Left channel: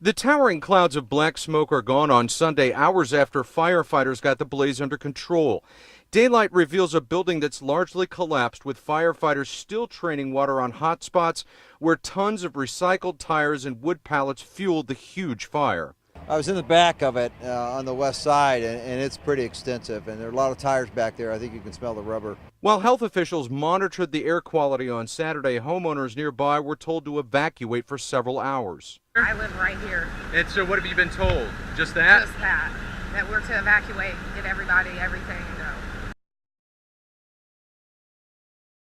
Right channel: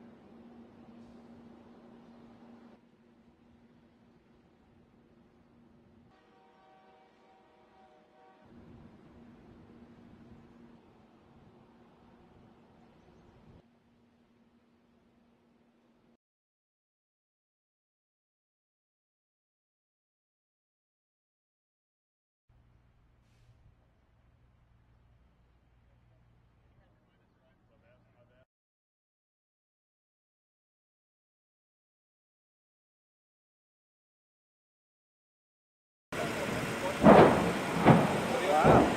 The towering clouds of black smoke are gone on Sunday, hours after firefighters got the blaze under control. Daylight reveals a building that's largely collapsed, with firefighters still training water on hot spots where tons of recycled tires and wood pallets fueled the huge fire. I was in the back of it on the west side, and it's pretty extensive, and there are a lot of tires back there. I think you can smell the rubber. While health officials monitored the air quality on Saturday, homeowners nearby were told to evacuate for several hours. I live right here. And so what have you been told? Just that? Just that we're to evacuate, get everybody, everything,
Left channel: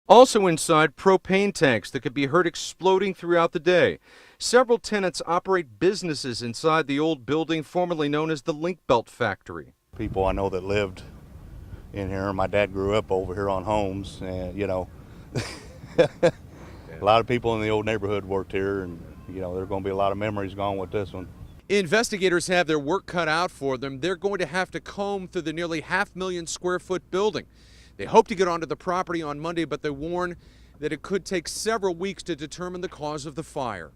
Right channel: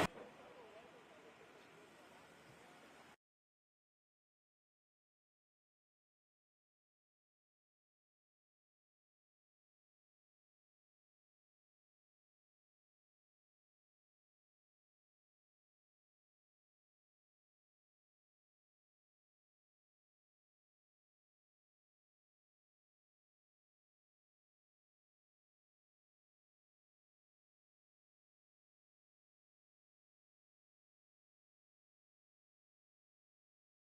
Also inside, propane tanks that could be heard exploding throughout the day. Several tenants operate businesses inside the old building formerly known as the Link Belt Factory. People I know that lived in here. My dad grew up over here on Holmes, and you know, a lot of people in the old neighborhood worked here, and you know, there are going to be a lot of memories gone with this one. Investigators have their work cut out for them. They're going to have to comb through the nearly 500,000 square foot building. They hope to get onto the property on Monday, but they warn that it could take several weeks to determine the cause of the fire.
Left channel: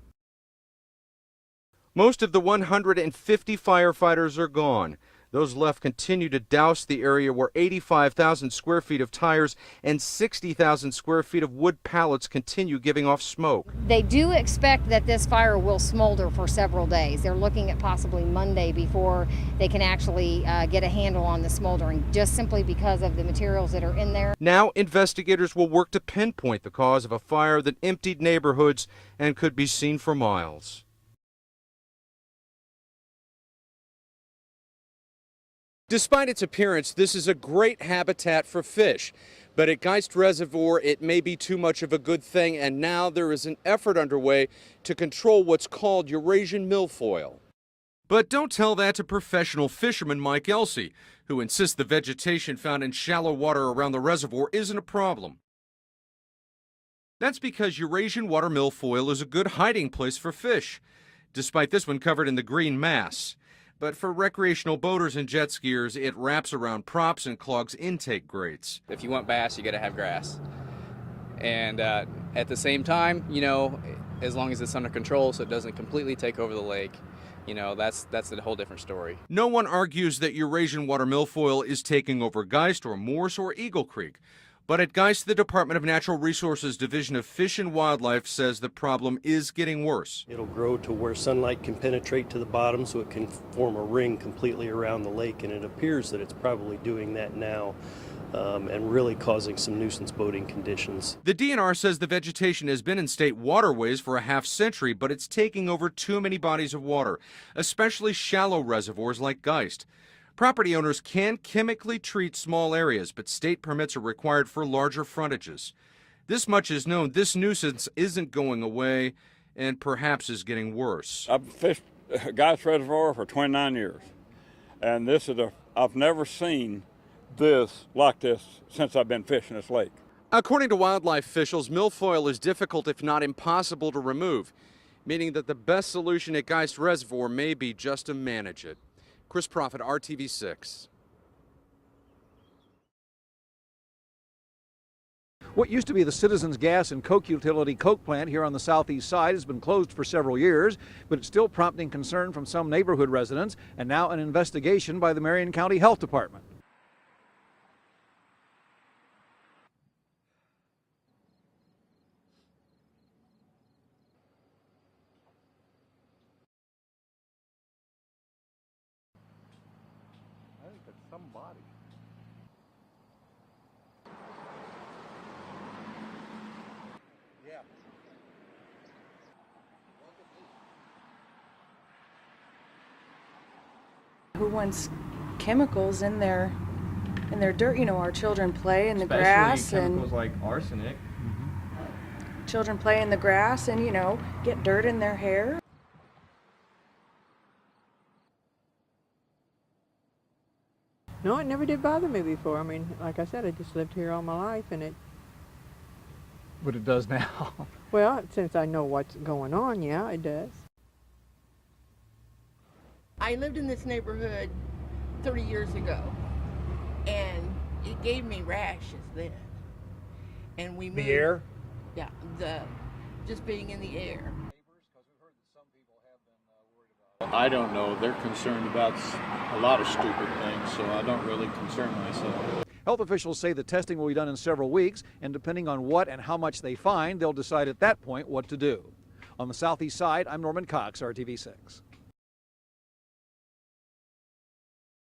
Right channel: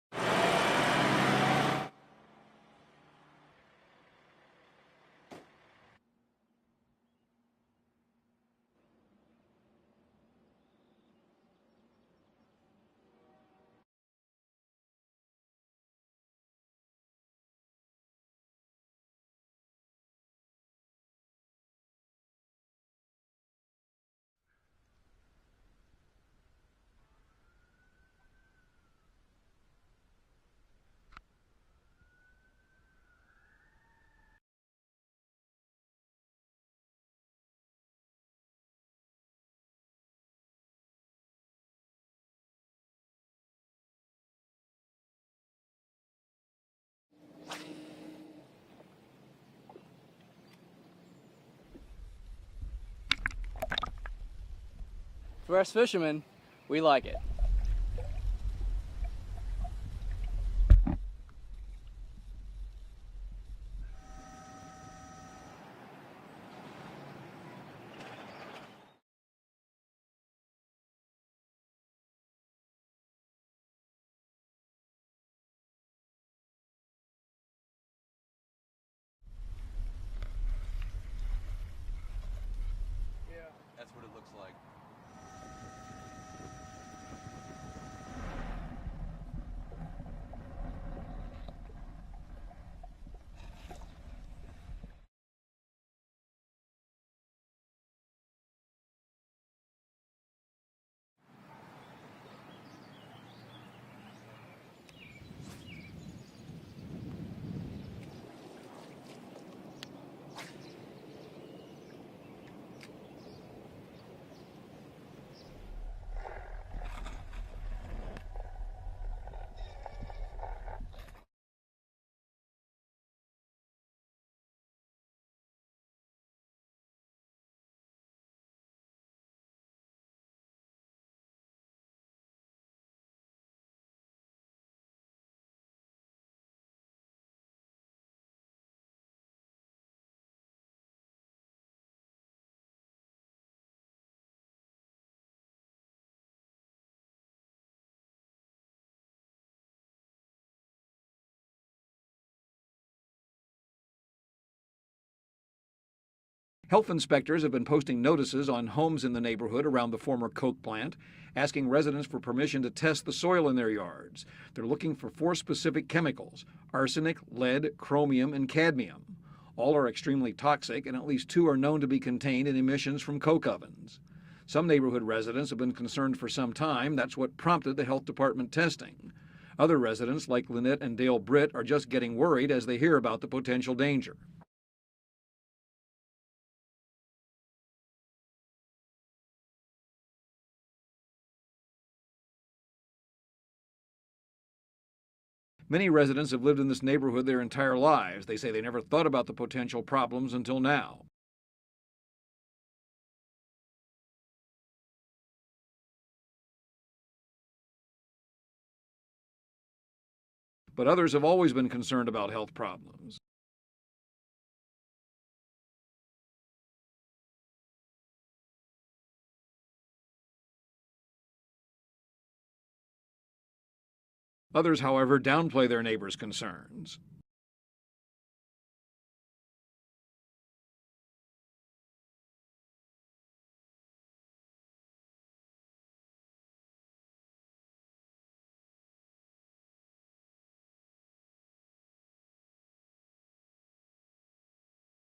Most of the 150 firefighters are gone. Those left continue to douse the area where 85,000 square feet of tires and 60,000 square feet of wood pallets continue giving off smoke. They do expect that this fire will smolder for several days. They're looking at possibly Monday before they can actually get a handle on the smoldering, just simply because of the materials that are in there. Now investigators will work to pinpoint the cause of a fire that emptied neighborhoods and could be seen for miles. Despite its appearance, this is a great habitat for fish. But at Geist Reservoir, it may be too much of a good thing, and now there is an effort underway to control what's called Eurasian milfoil. But don't tell that to professional fisherman Mike Elsey, who insists the vegetation found in shallow water around the reservoir isn't a problem. For us fishermen, we like it. That's because Eurasian water milfoil is a good hiding place for fish, despite this one covered in the green mass. But for recreational boaters and jet skiers, it wraps around props and clogs intake grates. If you want bass, you got to have grass. And at the same time, you know, as long as it's under control so it doesn't completely take over the lake, you know, that's a whole different story. No one argues that Eurasian water milfoil is taking over Geist or Morse or Eagle Creek. But at Geist, the Department of Natural Resources Division of Fish and Wildlife says the problem is getting worse. It'll grow to where sunlight can penetrate to the bottom so it can form a ring completely around the lake, and it appears that it's probably doing that now and really causing some nuisance boating conditions. The DNR says the vegetation has been in state waterways for a half century, but it's taking over too many bodies of water, especially shallow reservoirs like Geist. Property owners can chemically treat small areas, but state permits are required for larger frontages. This much is known. This nuisance isn't going away and perhaps is getting worse. I've fished Geist Reservoir for 29 years, and I've never seen this like this since I've been fishing this lake. According to wildlife officials, milfoil is difficult, if not impossible, to remove, meaning that the best solution at Geist Reservoir may be just to manage it. Chris Prophet, RTV6. What used to be the Citizens Gas and Coke utility coke plant here on the southeast side has been closed for several years, but it's still prompting concern from some neighborhood residents and now an investigation by the Marion County Health Department. Health inspectors have been posting notices on homes in the neighborhood around the former coke plant, asking residents for permission to test the soil in their yards. They're looking for 4 specific chemicals: arsenic, lead, chromium, and cadmium. All are extremely toxic, and at least 2 are known to be contained in emissions from coke ovens. Some neighborhood residents have been concerned for some time. That's what prompted the health department testing. Other residents, like Lynette and Dale Britt, are just getting worried as they hear about the potential danger. Who wants chemicals in their dirt? You know, our children play in the Especially grass, chemicals and like arsenic. children play in the grass and, you know, get dirt in their hair. Many residents have lived in this neighborhood their entire lives. They say they never thought about the potential problems until now. No, it never did bother me before. I mean, like I said, I just lived here all my life, and it... But it does now. Well, since I know what's going on, yeah, it does. But others have always been concerned about health problems. I lived in this neighborhood 30 years ago, and it gave me rashes then. And we moved. The air? Yeah, just being in the air. Others, however, downplay their neighbors' concerns. I don't know. They're concerned about a lot of stupid things, so I don't really concern myself. Health officials say the testing will be done in several weeks, and depending on what and how much they find, they'll decide at that point what to do. On the southeast side, I'm Norman Cox, RTV6.